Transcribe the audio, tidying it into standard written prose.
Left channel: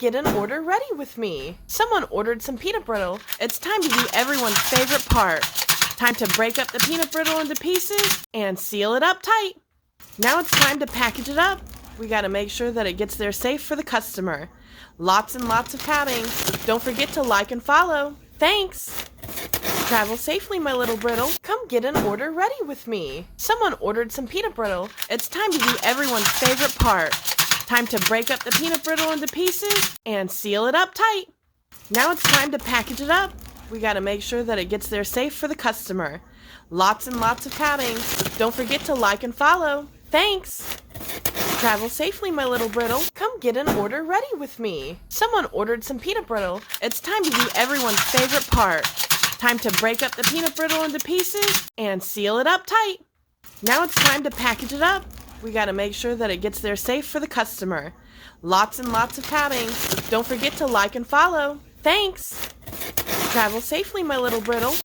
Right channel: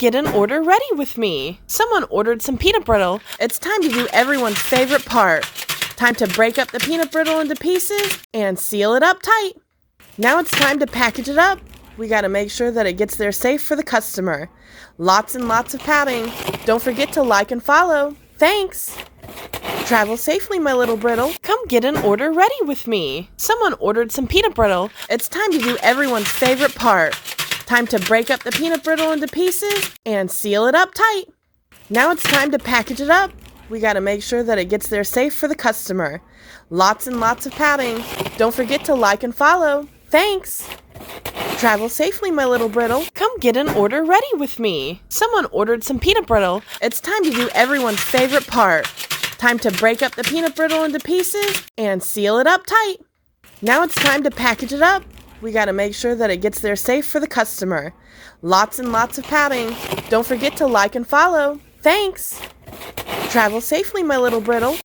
get an order ready with me. Someone ordered some peanut brittle. It's time to do everyone's favorite part. Time to break up the peanut brittle into pieces and seal it up tight. Now it's time to package it up. We gotta make sure that it gets there safe for the customer. Lots and lots of pouting. Don't forget to like and follow. Thanks. Travel safely, my little brittle. Come get an order ready with me. Someone ordered some peanut brittle. It's time to do everyone's favorite part. Time to break up the peanut brittle into pieces and seal it up tight. Now it's time to package it up. We gotta make sure that it gets there safe for the customer. Lots and lots of pouting. Don't forget to like and follow. Thanks. Travel safely, my little brittle. Come get an order ready with me. Someone ordered some peanut brittle. It's time to do everyone's favorite part. Time to break up the peanut brittle into pieces and seal it up tight. Now it's time to package it up. We gotta make sure that it gets there safe for the customer. Lots and lots of pouting. Don't forget to like and follow. Thanks. Travel safely, my little brittle.